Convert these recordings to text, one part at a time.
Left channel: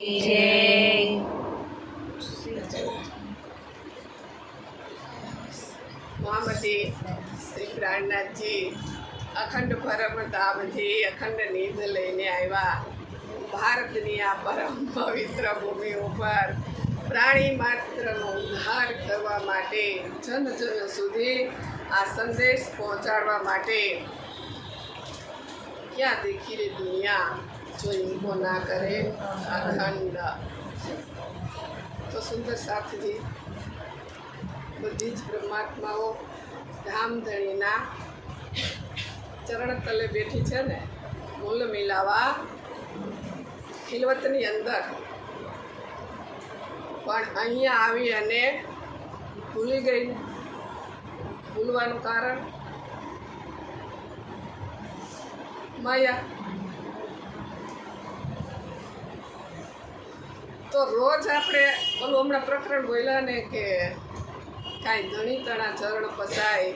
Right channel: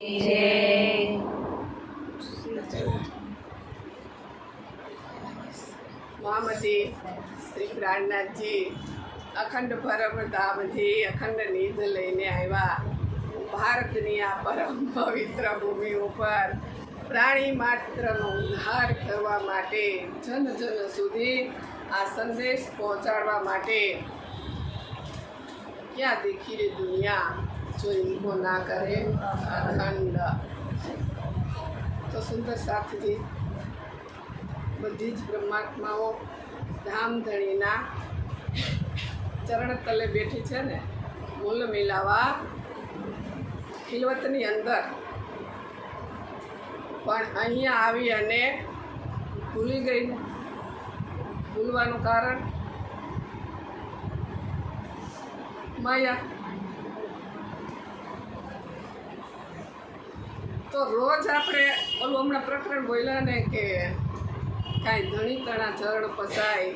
જય મહામતી શ્રી પ્રાણનાથજી અખંડ પરમધામથી અખંડ નિધ લઈને આવ્યા. ભારતની આ પરમ પવિત્ર ભૂમિ ઉપર પ્રાણી માત્રનો ઉદ્ધાર કરવા માટે જન સુધી આ સંદેશ પહોંચાડવા માટે ક્યાં દેખી રે દુનિયા જો ઇनको ના કરે અખંડ. તો સુંદર સાથજી બધી જ બ્રહ્માત્માઓ ધામધણીના ચરણ તલે બેઠી છે ને, મૂલ મિલાવા ખિલવતની અંદર. પણ અહીંયા આવી અને ભૂલી ગઈ. ભૂલવાનું કારણ માયા. તો રોજ આપણે ઓલું હમણાં પ્રકરણ બોલ્યા ને કે કાંઈ ધણી તણા ચરણ પસાય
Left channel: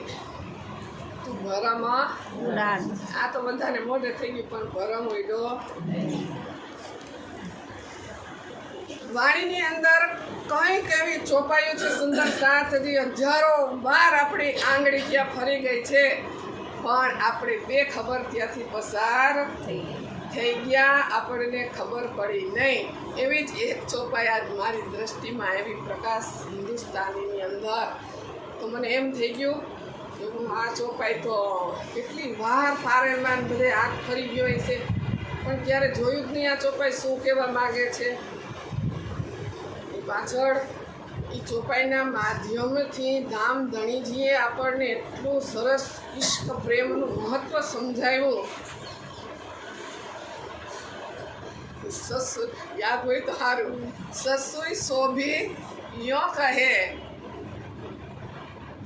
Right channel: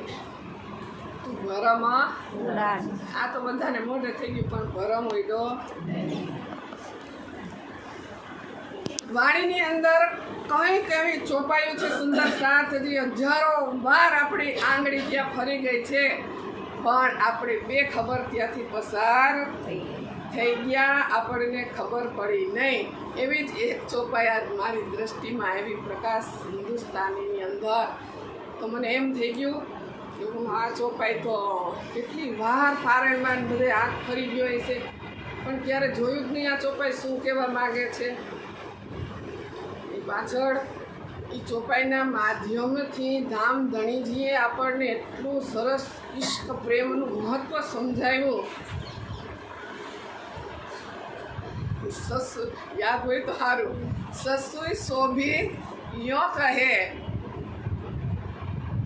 તું ભરમ ઉડાન. આ તો બધાને મોઢે થઈ ગયું, પણ ભરમ ઉડ્યો. વાણીની અંદર કંઈક એવી ચોપાયું છે સુંદર સાથજી, હજારો વાર આપણી આંગળી ત્યાં ફરી ગઈ છે, પણ આપણે બેખબર ત્યાંથી પસાર થઈ ગયા, આપણને ખબર પડી નહીં. એવી જ એક ચોપાઈ આજ મારી દ્રષ્ટિમાં એવી પ્રકાશ હિન્દુસ્તાનીની અંદર. તો મને એમ થઈ ગયું કે હું આ ચોપાઈ તો કેટલી વાર ફારેણમાં બધે આંખ ફરી ગયો છે, પણ ક્યારે જોયું જ નહીં આ ચોપાઈ શું કહેવા માગે છે. એ પાછળ એ ચોપાઈના માધ્યમથી ધામધણીજીએ આપણને એટલું સરસ ઈશ્ક પ્રેમનું મહત્ત્વ સમજાવ્યું. સસુ યાદ હોય તો સારું. સસુઈ શોભી યો કહે,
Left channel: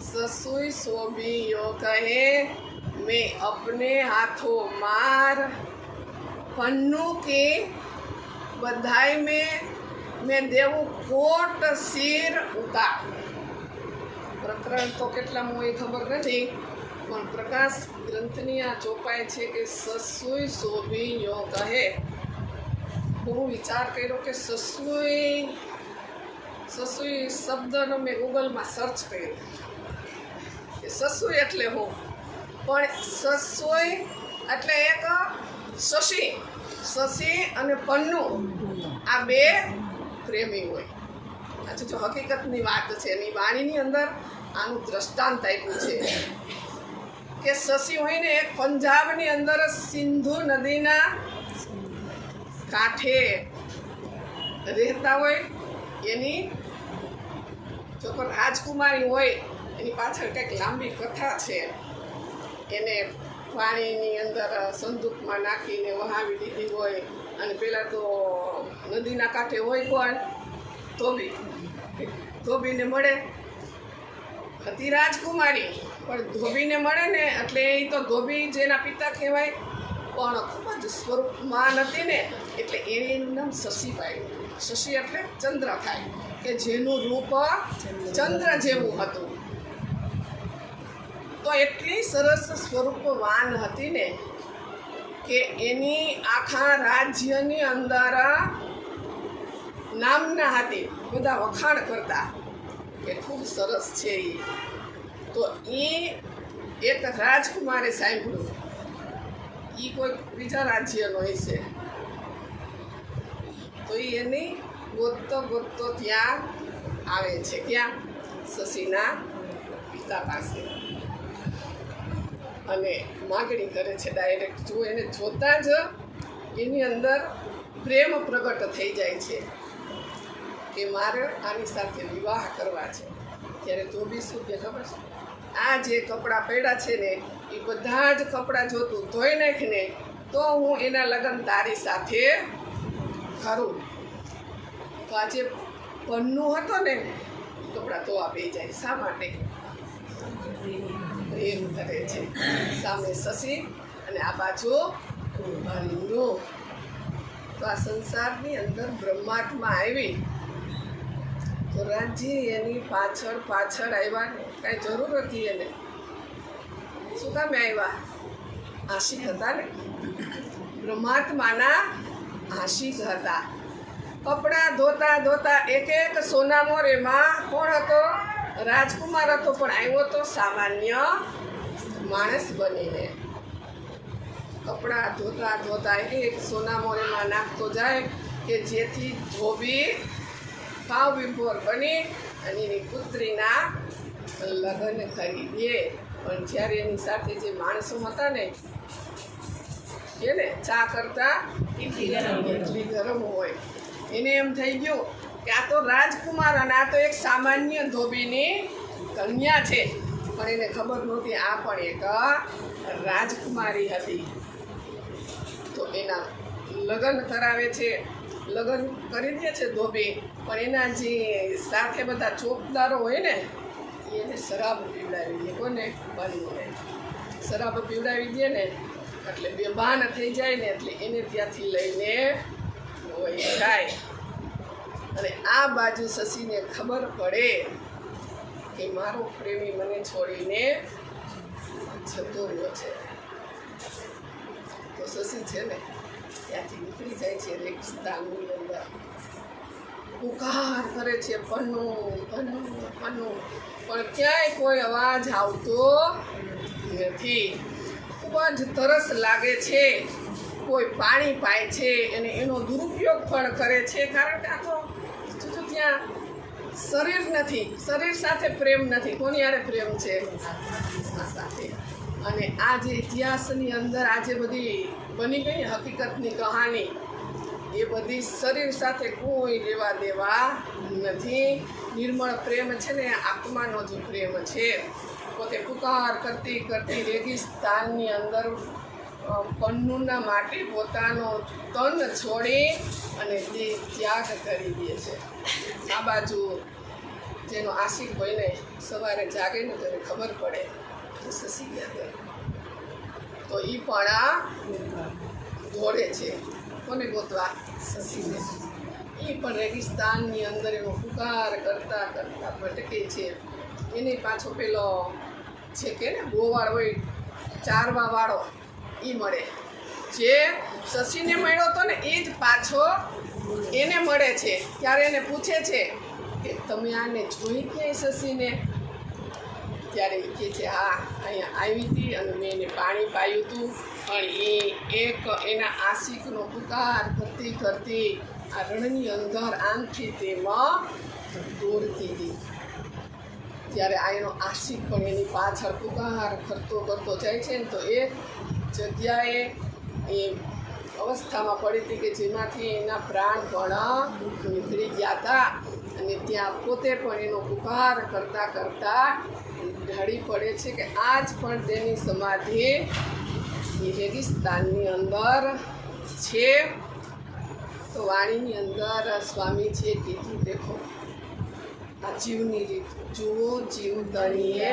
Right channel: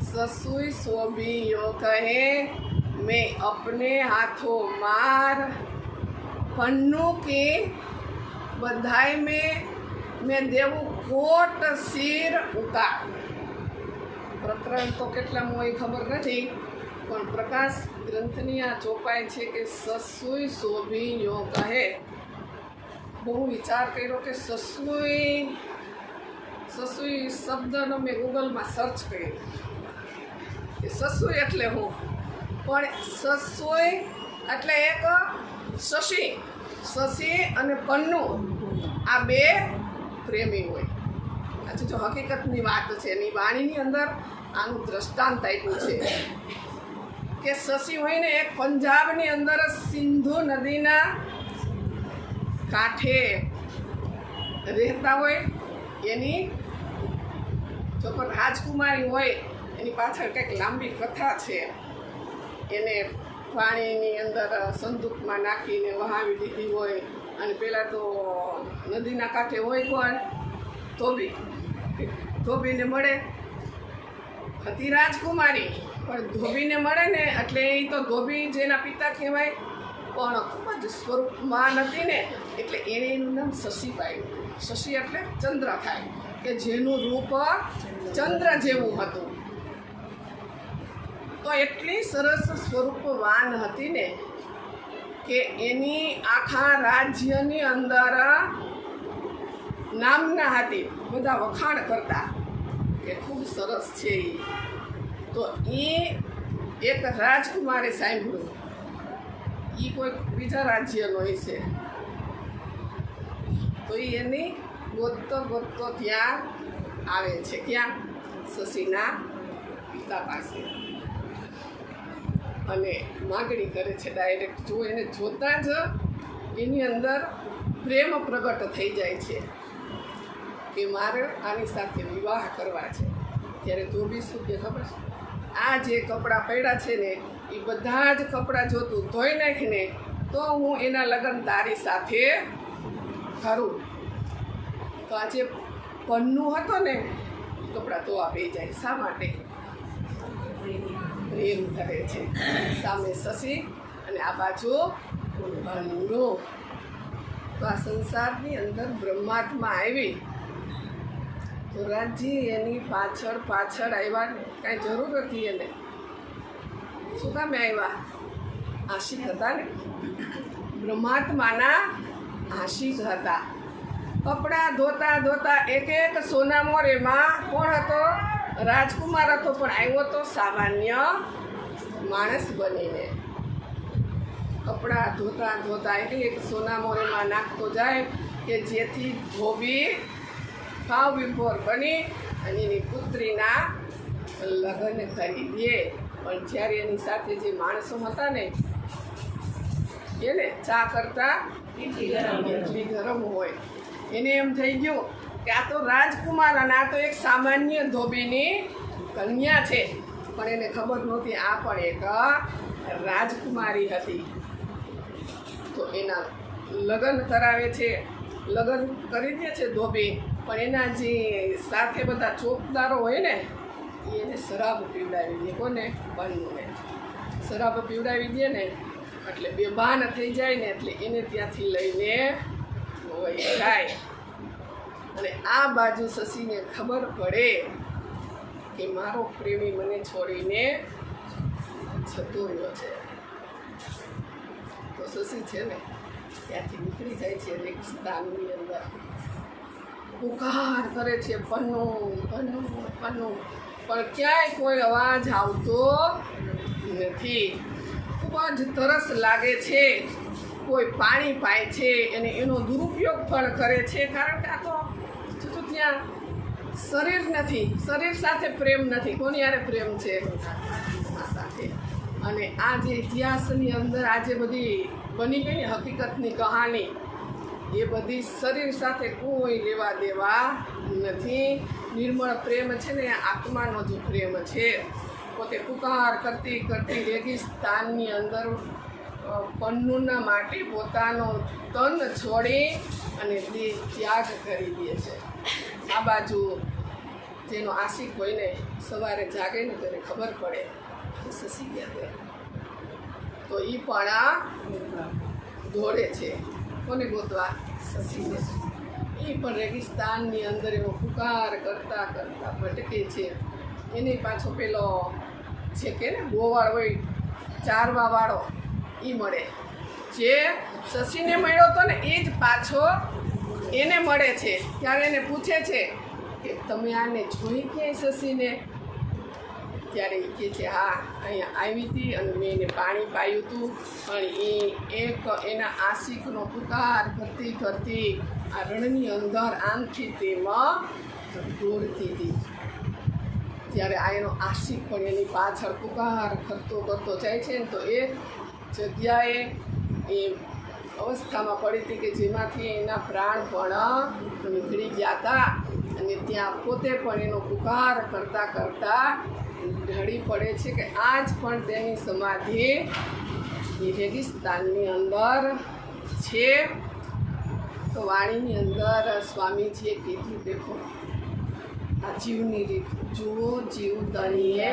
ससुई सोभी यो कहे मैं अपने हाथों मार पन्नू के बधाई में मैं देवूँ कोट सिर उतार. પ્રકરણ તો કેટલામાં એ ખબર નથી, પણ પ્રકાશ ગ્રંથની આ ચોપાઈ છે કે સસુઈ શોભી યો કહે. બહુ વિચાર કર્યો કે સસુઈ શબ્દનો મેં ગૂગલમાં સર્ચ કર્યો કે સસુઈ એટલે હું, પણ સસુઈ એટલે એક શશી અને પન્નુ આ બે પ્રેમી હોય. હજુ જો હકીકતની વાત છે, એની વાણીની અંદર આનું દ્રષ્ટાંત આપ્યું છે કે શશી હોય ને એક પંજાબની અંદર સિંધુ નદીના કાંઠે રહેતા હોય. એની જો પણ રાજકુમારી હોય એની પાછળ કંઈક લાંબી કથા છે. એને પાણીની અંદર સંદૂકમાં નાખીને વહાવી દીધી હોય, અને પહેલાં તો નદીના કાંઠે હોય કોણ? ધોબીને મળે. હતી રાજકુમારી, પણ ધોબીને મળે ને એટલે એ તો ધોબી જેના પિતા કહેવાય, પણ ખૂબ જ સ્વરૂપમાન હતી ને, એટલે એનું નામ શશી પાડ્યું. શશી એટલે ચંદ્ર થાય, કે જેનું રૂપ ચંદ્ર જેવું હતું. તો એટલી સરસ સ્વરૂપવાન હતી ને કે એની આખા રાજ્યની અંદર નામના હતી, બધા વખાણ કરતા કે ખૂબ સરસ છે એ. તો એ એક રાજકુમારે સાંભળ્યું, એ કોઈ બીજા રાજ્યનો છે, તો એની ગોતતો ત્યાં આવે છે. ક્યાં? શશીના પિતા પાસે, અને માગણી કરે છે ડાયરેક્ટ. જો એને જોતાં જ એની અંદર પ્રેમ પ્રગટ થઈ જાય છે કે મારે આની સાથે વિવાહ કરવા છે. ત્યારે ધોબી શું કે ખબર છે? આ જે કપડાં પડ્યા છે ને એ બધા જ કપડાં જોતું ધોઈ નાખીને તો હું એના લગ્ન તારી સાથે કરું. તો આ જે પન્નુ હતો ને એ કપડાં તો આપી જાય. શા માટે? પ્રેમ કરે છે. સામે શશી અને આ બાજુ પન્નુ. તો આ સંસારની અંદર બ્રહ્માત્મા આવી તો રાજજી એની પાછળ આવ્યા. કાંઈ જરૂર હતી એને. શું કામે આવ્યા? આશિક હતા ને, બ્રહ્માત્માના આશિક હતા. કપડાં ધોતા ધોતા એક એક સોના મોરેમાં કોણ હતો? રાજકુમાર હતો, પણ આવ્યો તો સામાન્ય માણસ બનીને. કપડાં ધોતા ધોતા એક એક સોના મોરેમાં નાખતો જાય કે જેથી ધોબી ભાવ વિભોર બની અને એની પુત્રીના લગ્ન કરી દે. પણ જ્યારે એની સાથે જે માણસો હતા ને એને ચા કરતા એટલી ગરમ હોય, એને એમ થઈ ગયું કે આ તો રાજકુમાર અને આ તો એક સામાન્ય ધોબીની કન્યા છે. પણ એને ખબર નહોતી આ પણ એક રાજકુમારી હતી. તો એના લગ્ન કરાવે છે, લગ્ન કરી દે છે ધોબી. પણ એના જે સાથે બધા ચોકદારો હોય ને એને શરાબ પીવડાવી દે. કોને? બનીને શરાબ પીવડાવી દે ને એટલે બેભાન થઈ જાય ને એટલે એને ત્યાંથી લઈને વહી જાય. અને આ બાજુ શશીને ખબર પડે કે મારો પ્રેમી મને છોડીને જતો રહ્યો છે. તો શશી છે ને ત્યાંથી નીકળી જાય છે રેગિસ્તાનની અંદર. પુકાર કરે છે પન્નું પન્નું પન્નું, પણ ક્યાંય કોઈ અવાજ આવતો નથી. ખૂબ જ તરસ લાગે છે, કોઈ પાણી પાય છે અને એનો દુરુપયોગ પણ કરે છે. કારણ કે આ તો ત્યાં શરીર નથી, શરીર સાથે પ્રેમ નથી. કોની હારે પ્રેમ છે? આ સાથે. અને આ જે ઇતિહાસની અંદર આજે બધી બની ગઈ હકીકતની કહાની, એ બધી શરીર સાથે કોઈ લેવા દેવા નથી. નિર્મળ પ્રેમ છે ને આત્માનો જે પ્રેમ છે. પોતે પુકાર કરતી કરતી રેગિસ્તાનની અંદર પન્નુના માટે પોતાનો તન છોડી અને તે ત્યાગ કરી દે છે. આ બાજુ જેનો આશિક હોય ને સવારે જાગે ને ત્યારે ખબર પડે કે શશી ગયા ગઈ, તો એ પણ દોડે છે. કોને ગોતવા? શશીને. એ પણ રેગિસ્તાનની અંદર એનો પુકાર કરતા કરતા ભટકે છે. એને પાછો પેલો છે કે ને ગોવાળ હોય ચારવા વાળો એ મળે. જે શશીને મળ્યો હતો ને એ જ પાછો એને મળે છે. ત્યારે એને પૂછે છે કે તમે આને જોઈ ક્યાંય શશીને? ત્યારે એ કહે છે હા અહીંયા આવી હતી અને મેં એને પાણી પાયું હતું. પણ એ એક એના આશિકનો પુકાર કરતી કરતી આ રણની અંદર આમથી તેમાં દોડતી હતી. ત્યારે આ એનો આશિક પણ એની પાછળ પુકાર કરતો કરતો જાય છે ને તો એક જગ્યાએ એ અવસ્થામાં પડી હતી કે જેમાંથી એના પ્રાણ પણ નીકળી ગયા હતા. અને ત્યાં પોતે પણ એનો પુકાર કરતાં કરતાં ઢળી પડે છે કે આજ પણ તેની સમાધિ એ રેગિસ્તાનની અંદર છે. તો વાણીની અંદર સ્વામીજીએ કીધું દેખો આ જીવની રીત જુઓ, જીવ તણીએ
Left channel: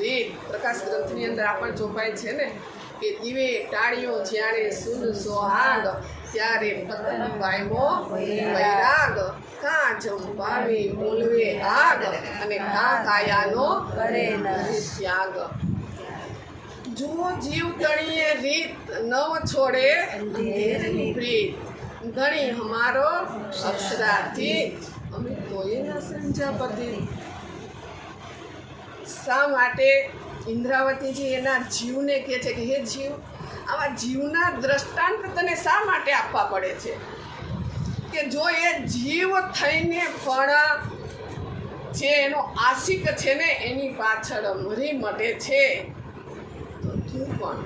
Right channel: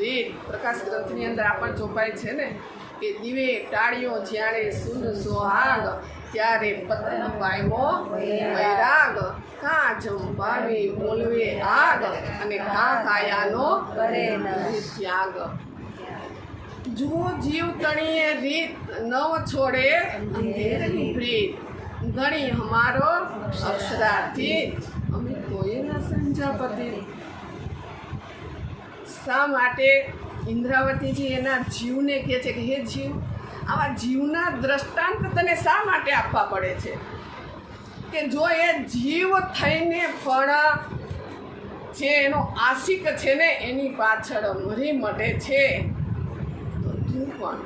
રીત. પ્રકાશ ગ્રંથની અંદર આપણને ચોપાય છે ને કે દીવે ટાળીઓ જ્યારે સુન સોહાગ ત્યારે પતન પામ્યો વૈરાગ. કાં જંપાવે બોલવે આગ અને કાં કાયાનો કરે ત્યાગ. જુઓ જીવ તણીએ રીત નવ છોડે અંધેરની પ્રીત. ગણી હમારો અક્ષરાથી અમે તોય ના સમજાપતિ. શા માટે ઇન્દ્રાવતીજી એના જીવને કહે છે કે હે જીવ, આવા જીવના દ્રષ્ટાંત તને શા માટે આપવા પડે છે? કે જો એ જીવ થઈને પણ જે એનો આશિક છે ને એની પાછળ મરી મટે છે તો તું પણ